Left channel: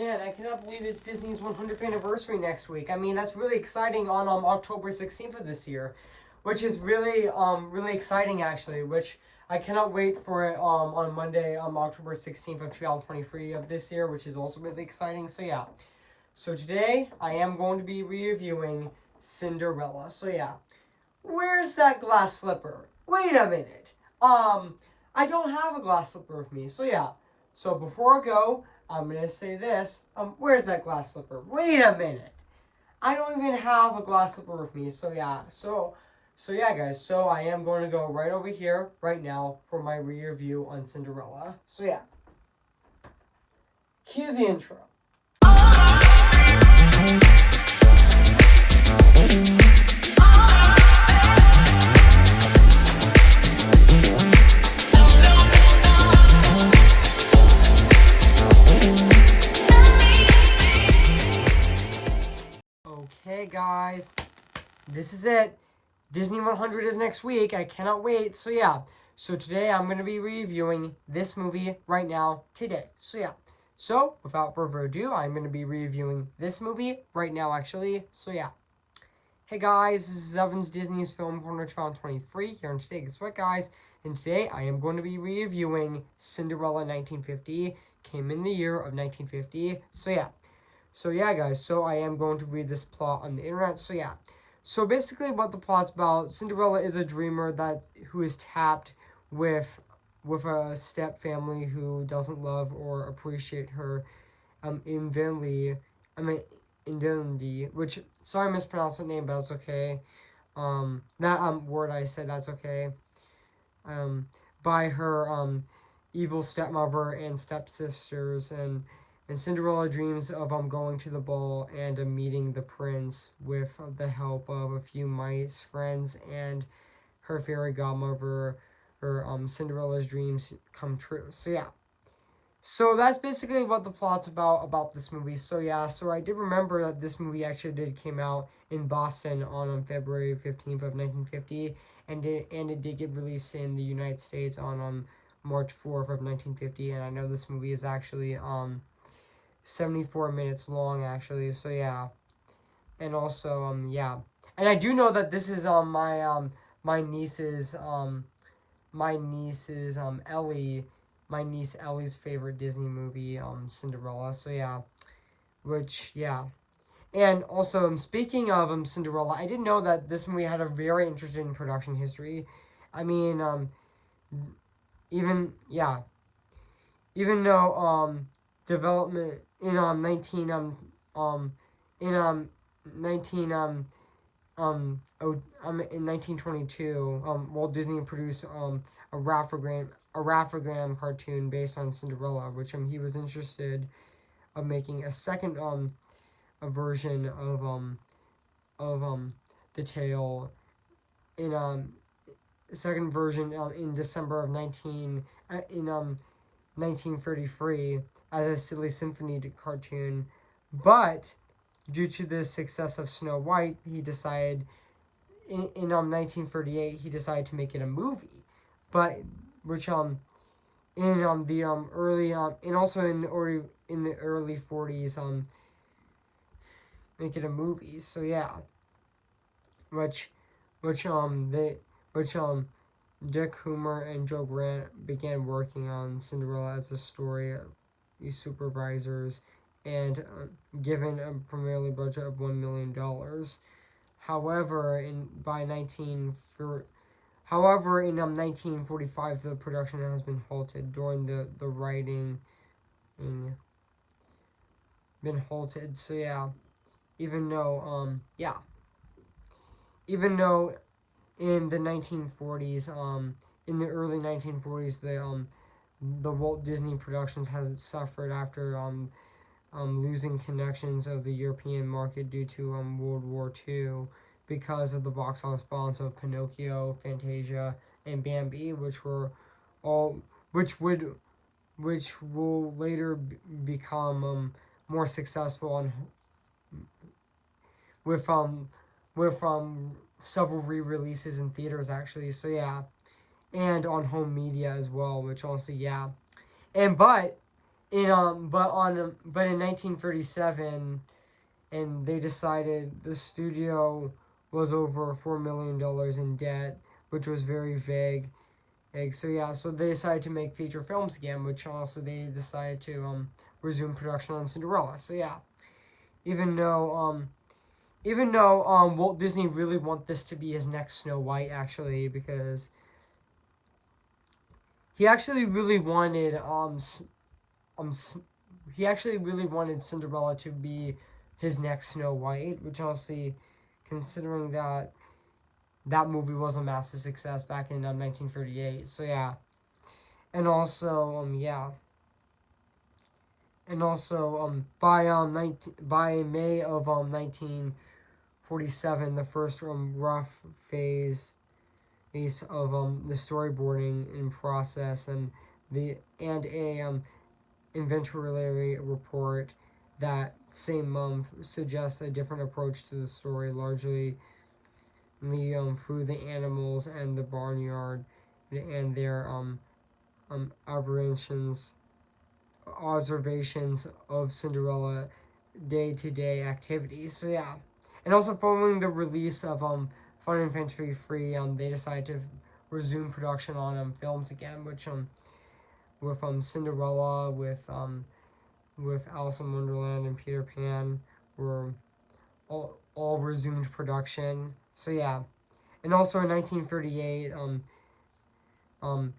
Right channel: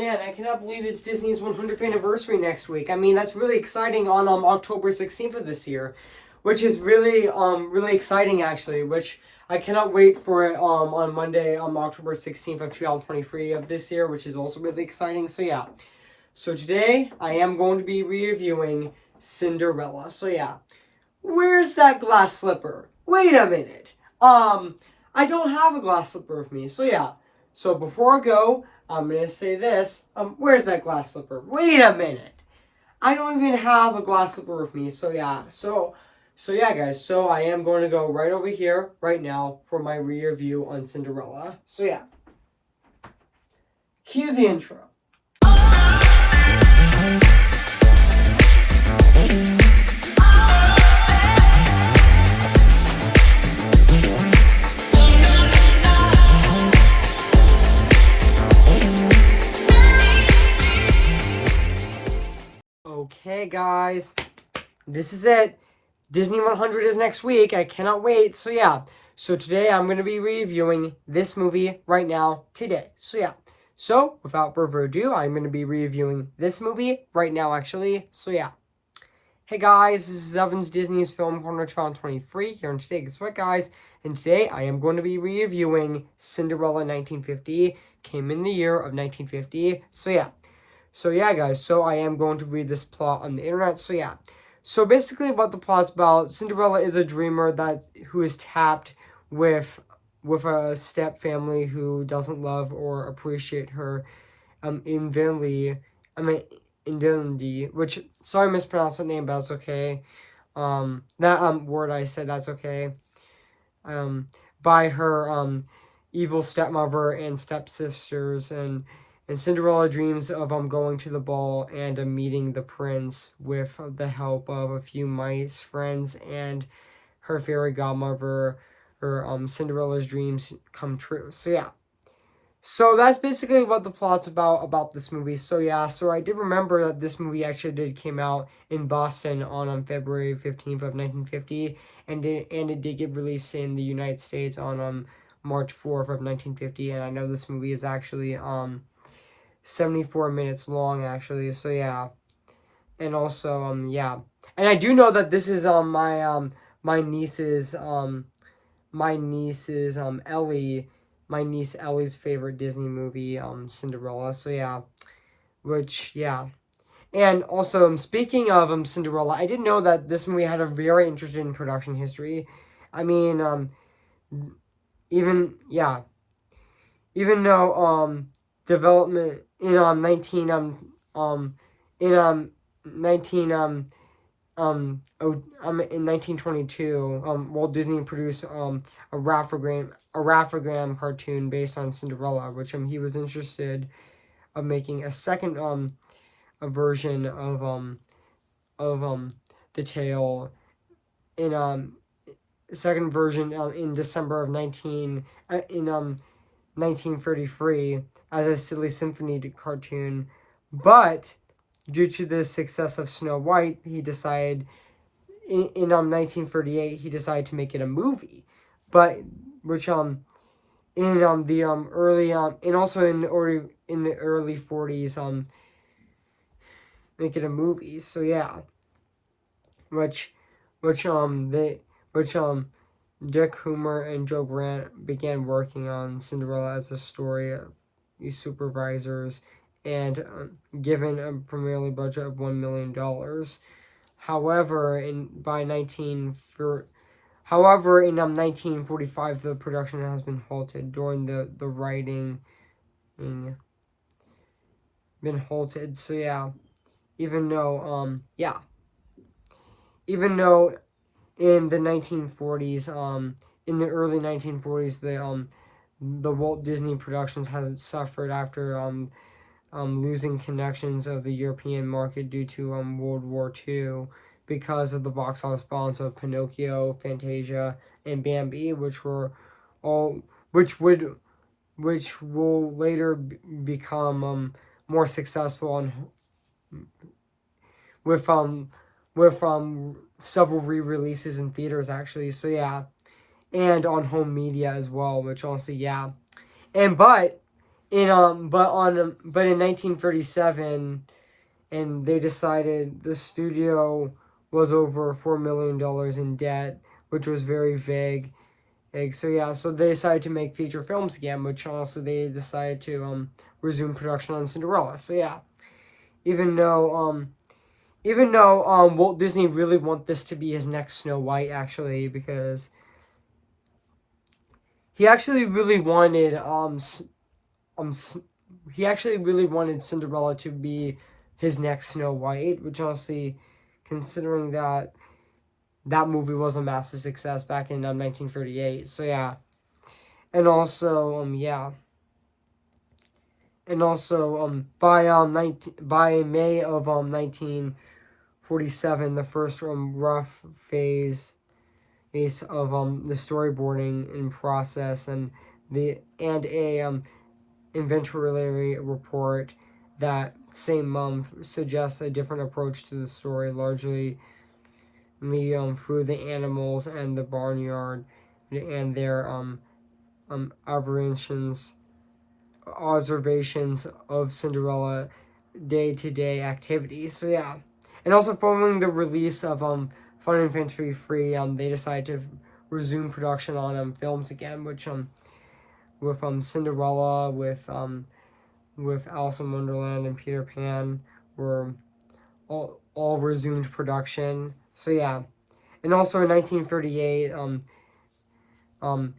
Man, I cannot believe it's Disney's 100th anniversary next week. I mean, that's really exciting on October 16th of this year, which is really exciting actually. Which I cannot wait for it on Monday October 16th of 2023 of this year, which is also really exciting. So yeah, so today I am going to be reviewing Cinderella. So yeah, where's that glass slipper? Wait a minute. I don't have a glass slipper with me. So yeah. So before I go, I'm gonna say this. Where's that glass slipper? Wait a minute. I don't even have a glass slipper with me. So yeah. So yeah, guys. So I am going to go right over here right now for my review on Cinderella. So yeah. Cue the intro. Okay, guys, this is it. Disney 100 is next week. I cannot wait. So yeah, so today I'm going to be reviewing this movie right now today. So yeah, so without further ado, I'm going to be reviewing this movie right now actually. So yeah. Hey guys, this is Evan's Disney's Film Corner 2023 here, and today, guess what guys? And today I am going to be reviewing Cinderella 1950. Came in the year of 1950. So yeah. So yeah, guys, so I am going to read this plot on the internet. So yeah. So basically what the plot's about, Cinderella is a dreamer who is tapped with a step family who doesn't love or appreciate her infinitely. Indemnity, which, sorry I mispronounced the name, but that's okay. That word I said, that's okay. By her evil stepmother and stepsisters, and Cinderella dreams of going to the ball and meeting the prince with the help of a few mice friends and her fairy godmother. Her Cinderella's dreams come true. So yeah. So that's basically what the plot's about this movie. So yeah, so I did remember that this movie actually came out in Boston on February 15th of 1950, and it did get released in the United States on March 4th of 1950, and I know this movie is actually 74 minutes long actually. So yeah. And also yeah. And I do know that this is my niece's Ellie, my niece Ellie's favorite Disney movie, Cinderella. So yeah, which yeah, and also speaking of Cinderella, I didn't know that this movie had a very interesting production history. I mean, even yeah, even though development in 1922, Walt Disney produced a Raffagram cartoon based on Cinderella, which he was interested of making a second a version of the tale in second version in December of 1933 as a silly symphony cartoon, but due to the success of Snow White, he decided in 1938 he decided to make it a movie, but which in the early and also in the early 40s make it a movie. So yeah, which Dick Hoomer and Joe Grant began working on Cinderella as a story of these supervisors, and given a primarily budget of $1 million. However, in 1945, the production has been halted during the writing. Been halted. So yeah, even though in the 1940s, in the early 1940s, the Walt Disney Productions has suffered after losing connections of the European market due to World War II because of the box office bombs of Pinocchio, Fantasia, and Bambi, which will later become more successful and with several re-releases in theaters actually. So yeah, and on home media as well, which also yeah, and but but in 1937, and they decided the studio was over $4 million in debt, which was very vague. So yeah, so they decided to make feature films again, which also they decided to resume production on Cinderella. So yeah, even though Walt Disney really wanted this to be his next Snow White, actually, because he actually really wanted um he actually really wanted Cinderella to be his next Snow White, which honestly, considering that that movie was a massive success back in 1938. So yeah, and also by May of 1947, the first rough phase of the storyboarding in process and a inventory report that same month suggests a different approach to the story, largely through the animals and the barnyard and their observations of Cinderella day-to-day activities. So yeah, and also following the release of Fun and Fantasy Free, they decided to resume production on films again, which with Cinderella, with Alice in Wonderland and Peter Pan were all resumed production. So yeah, and also in 1938, um,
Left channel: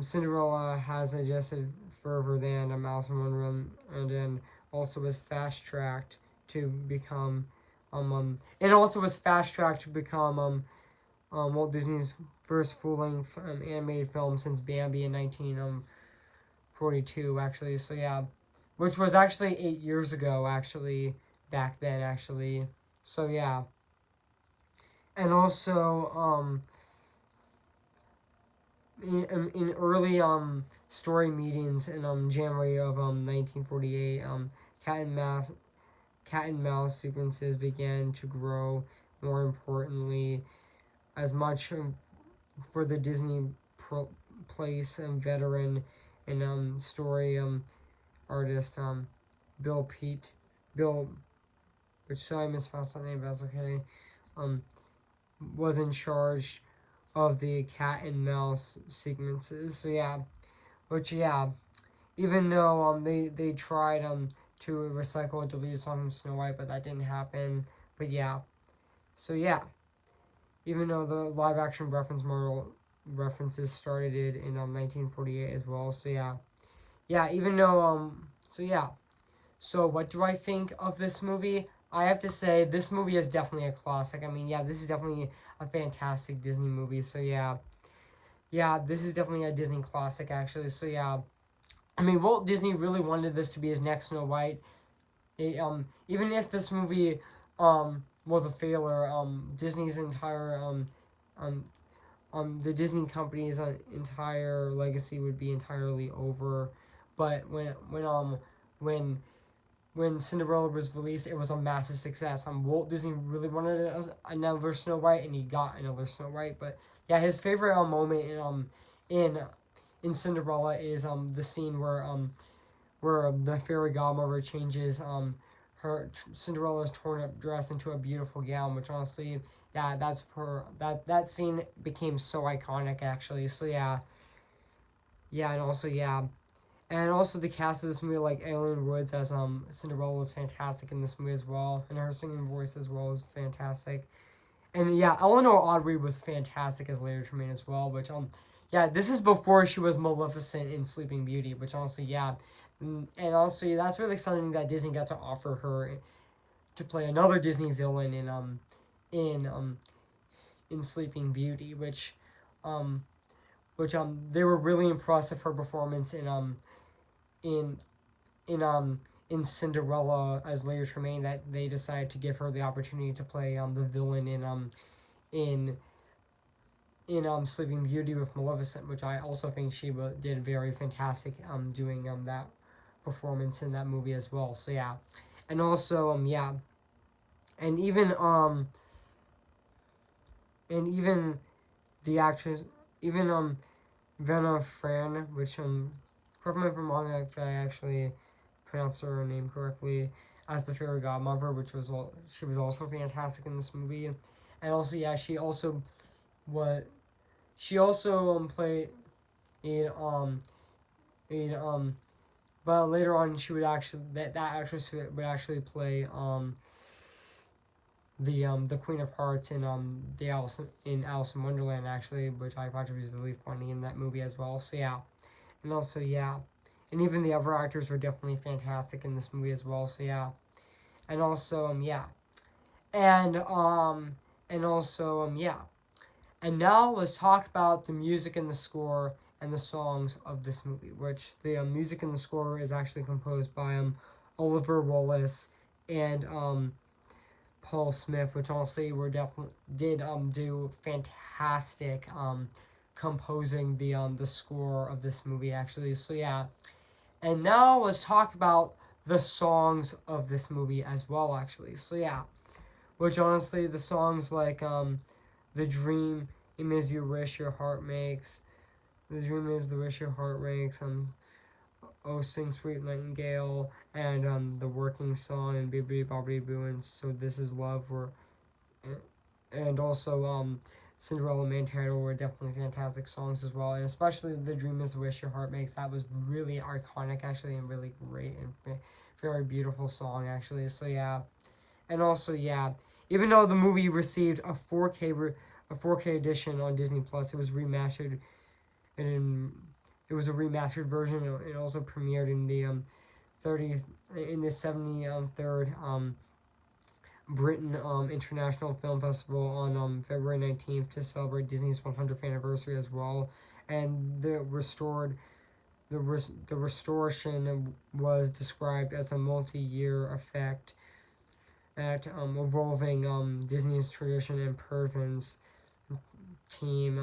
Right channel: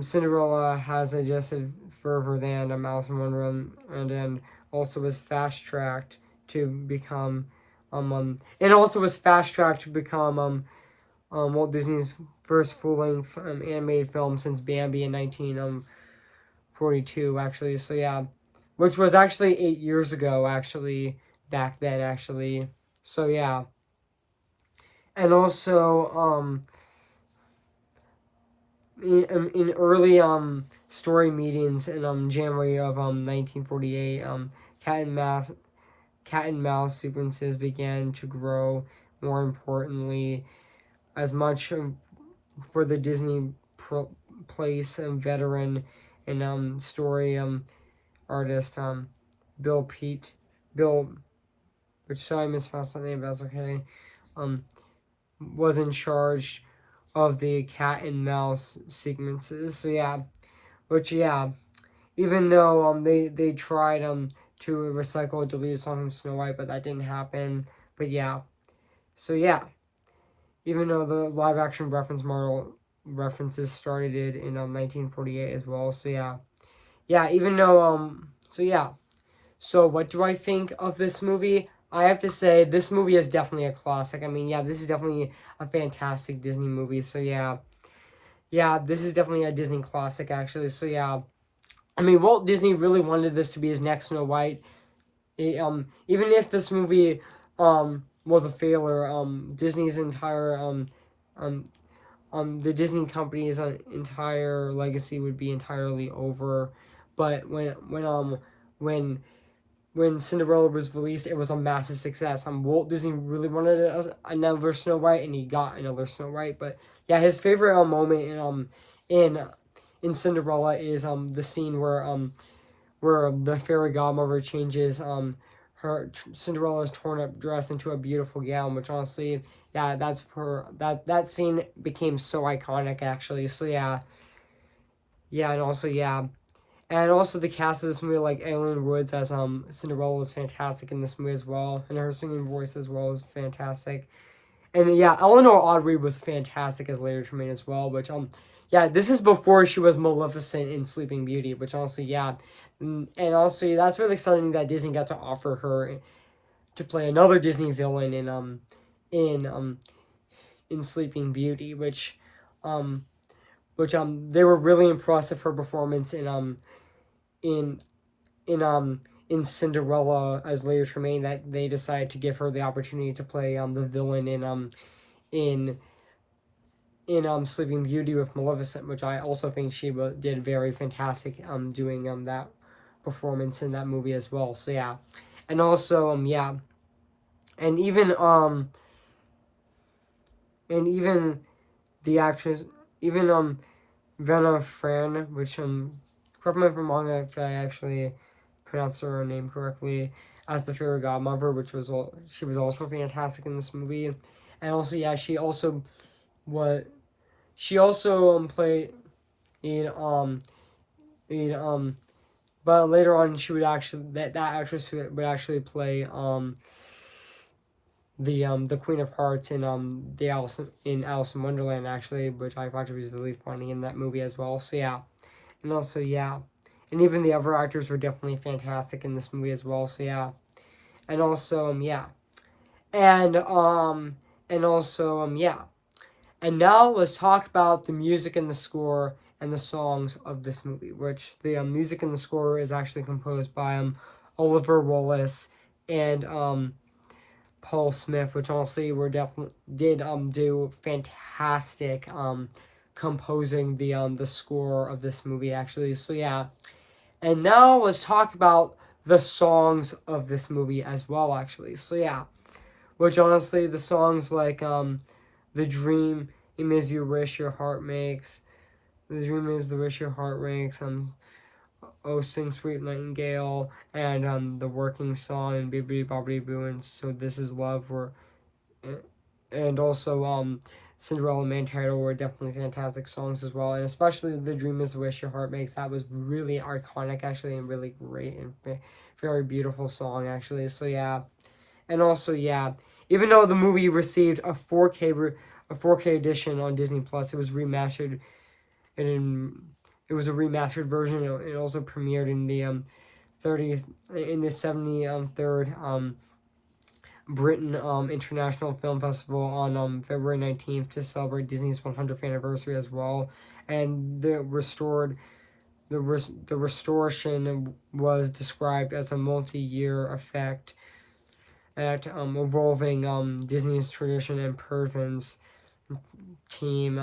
Cinderella has adjusted further than Alice in Wonderland, and then also was fast tracked to become and also was fast tracked to become Walt Disney's first full length animated film since Bambi in 1942, actually. So yeah, which was actually 8 years ago, actually, back then, actually. So yeah, and also in early story meetings in January of 1948, cat and mouse cat and mouse sequences began to grow. More importantly, as much for the Disney place veteran and story artist Bill Pete Bill, which sorry I mispronounced that name, but that's okay. Um, was in charge of the cat and mouse sequences. So yeah, which yeah, even though they tried to recycle a deleted song from Snow White, but that didn't happen. But yeah, so yeah, even though the live action references started in 1948 as well. So yeah, even though so yeah. So what do I think of this movie? I have to say this movie is definitely a classic. I mean, yeah, this is definitely a fantastic Disney movie. So yeah, this is definitely a Disney classic actually. So yeah, I mean, Walt Disney really wanted this to be his next Snow White. Even if this movie was a failure, Disney's entire um the Disney company's entire legacy would be entirely over. But when when Cinderella was released, it was a massive success. Walt Disney really wanted another Snow White, and he got another Snow White. But yeah, his favorite moment in in Cinderella is the scene where the fairy godmother changes her Cinderella's torn up dress into a beautiful gown, which honestly, yeah, that scene became so iconic actually. So yeah, and also the cast of this movie, like Ellen Woods as Cinderella, was fantastic in this movie as well, and her singing voice as well was fantastic. And yeah, Eleanor Audrey was fantastic as Lady Tremaine as well, which yeah, this is before she was Maleficent in Sleeping Beauty, which honestly, yeah, and also that's really exciting that Disney got to offer her to play another Disney villain in um in Sleeping Beauty, um they were really impressed with her performance in in in Cinderella as Lady Tremaine, that they decided to give her the opportunity to play the villain in Sleeping Beauty with Maleficent, which I also think she did very fantastic doing that performance in that movie as well. So yeah, and also yeah, and even the actress, even Venna Fran, which correct me if I'm wrong if I actually pronounced her name correctly, as the fairy godmother, which was she was also fantastic in this movie. And also, yeah, what she also played in in but later on she would actually that actress would actually play the Queen of Hearts in the Alice in Wonderland, actually, which I thought was really funny in that movie as well. So yeah, and also yeah, and even the other actors were definitely fantastic in this movie as well. So yeah, and also yeah, and also yeah, and now let's talk about the music and the score and the songs of this movie, which the music and the score is actually composed by Oliver Wallace and Paul Smith, which honestly were definitely did do fantastic composing the score of this movie, actually. So yeah, and now let's talk about the songs of this movie as well, actually. So yeah, which honestly the songs like the dream is you wish your heart makes, the dream is the wish your heart makes, oh sing sweet nightingale, and the working song and bibbidi bobbidi boo, and so this is love were, and also Cinderella main title were definitely fantastic songs as well, and especially the dream is the wish your heart makes. That was really iconic, actually, and really great and very beautiful song, actually. So yeah, and also yeah, even though the movie received a 4K edition on Disney Plus, it was remastered, and it was a remastered version. It also premiered in the 30th in the 73rd Britain International Film Festival on February 19th to celebrate Disney's 100th anniversary as well. And the restoration was described as a multi-year effect at evolving Disney's tradition and Pervin's team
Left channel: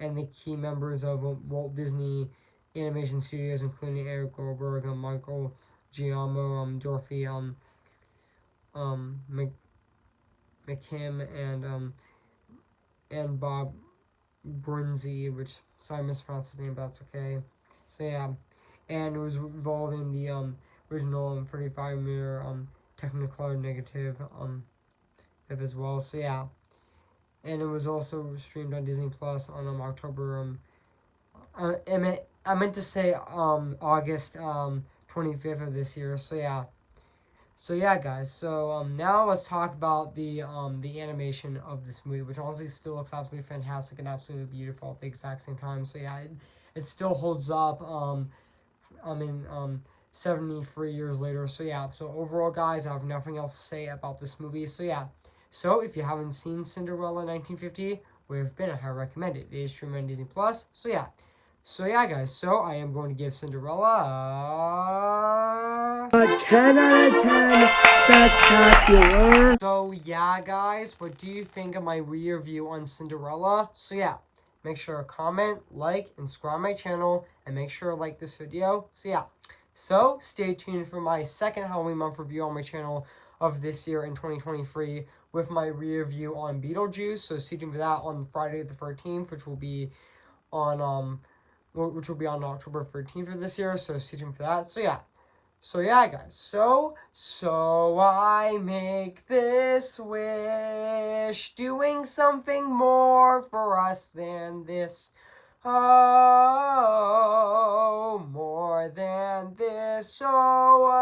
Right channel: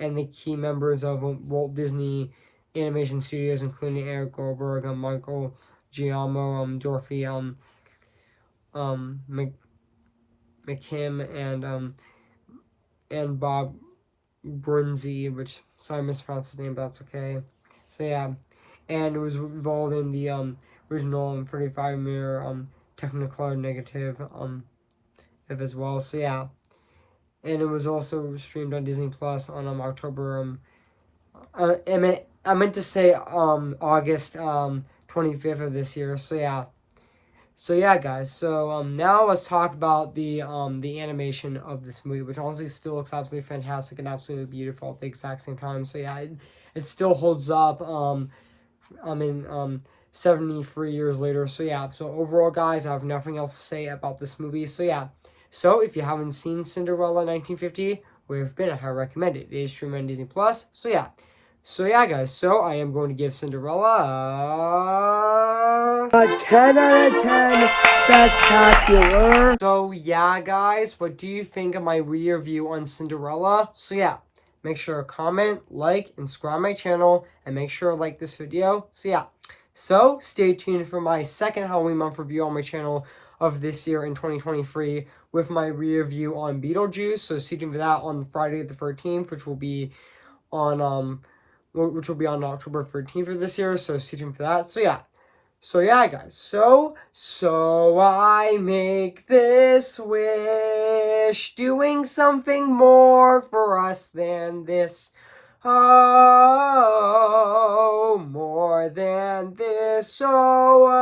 and the key members of Walt Disney Animation Studios, including Eric Goldberg, Michael Giamo, Dorothy McKim, and Bob Brunzi, which sorry I mispronounced his name, but that's okay. So yeah, and it was involved in the original 35 mirror Technicolor negative as well. So yeah, and it was also streamed on Disney Plus on October I meant to say August 25th of this year. So yeah. So yeah, guys. So now let's talk about the animation of this movie, which honestly still looks absolutely fantastic and absolutely beautiful at the exact same time. So yeah, it still holds up. I mean 73 years later. So yeah. So overall, guys, I have nothing else to say about this movie. So yeah. So if you haven't seen Cinderella 1950, we've been I highly recommend it. It is streaming on Disney Plus. So yeah. So yeah, guys, so I am going to give Cinderella a 10 out of 10 spectacular. So yeah, guys, what do you think of my review on Cinderella? So yeah, make sure to comment, like, and subscribe my channel, and make sure to like this video. So yeah, so stay tuned for my second Halloween month review on my channel of this year in 2023 with my review on Beetlejuice. So stay tuned for that on Friday the 13th, which will be on October 13th of this year, so stay tuned for that. So yeah, guys. So I make this wish, doing something more for us than this. Oh, more than this. Oh.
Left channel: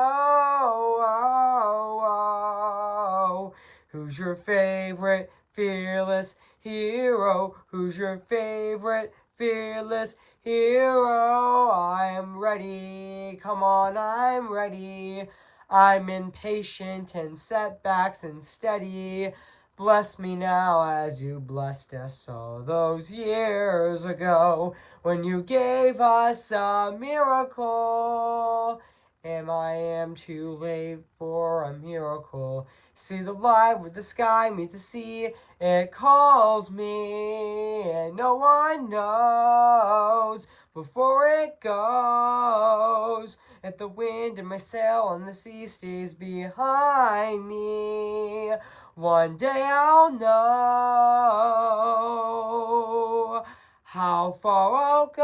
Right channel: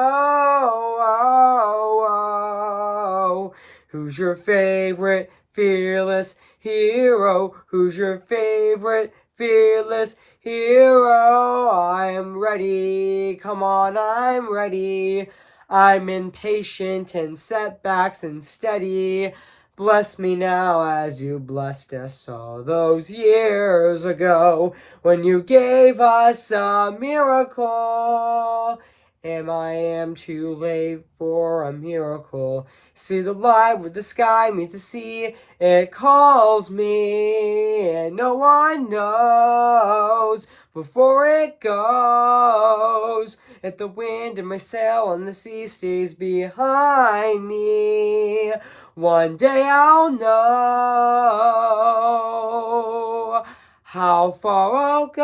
Who's your favorite fearless hero? Who's your favorite fearless hero? I'm ready. Come on, I'm ready. I'm impatient and setbacks and steady. Bless me now as you blessed us all those years ago when you gave us a miracle. I am too late for a miracle. See the light with the sky meet the sea. It calls me, and no one knows before it goes. If the wind in my sail on the sea stays behind me, one day I'll know how far I'll go.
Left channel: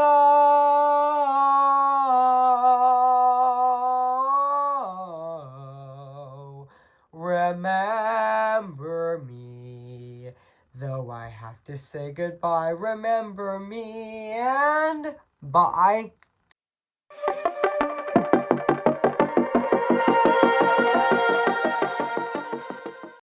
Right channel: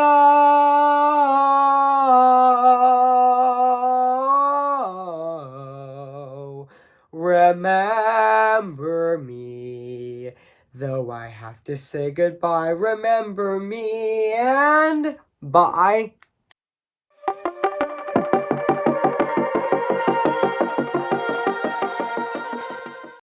Remember me, though I have to say goodbye. Remember me, and bye.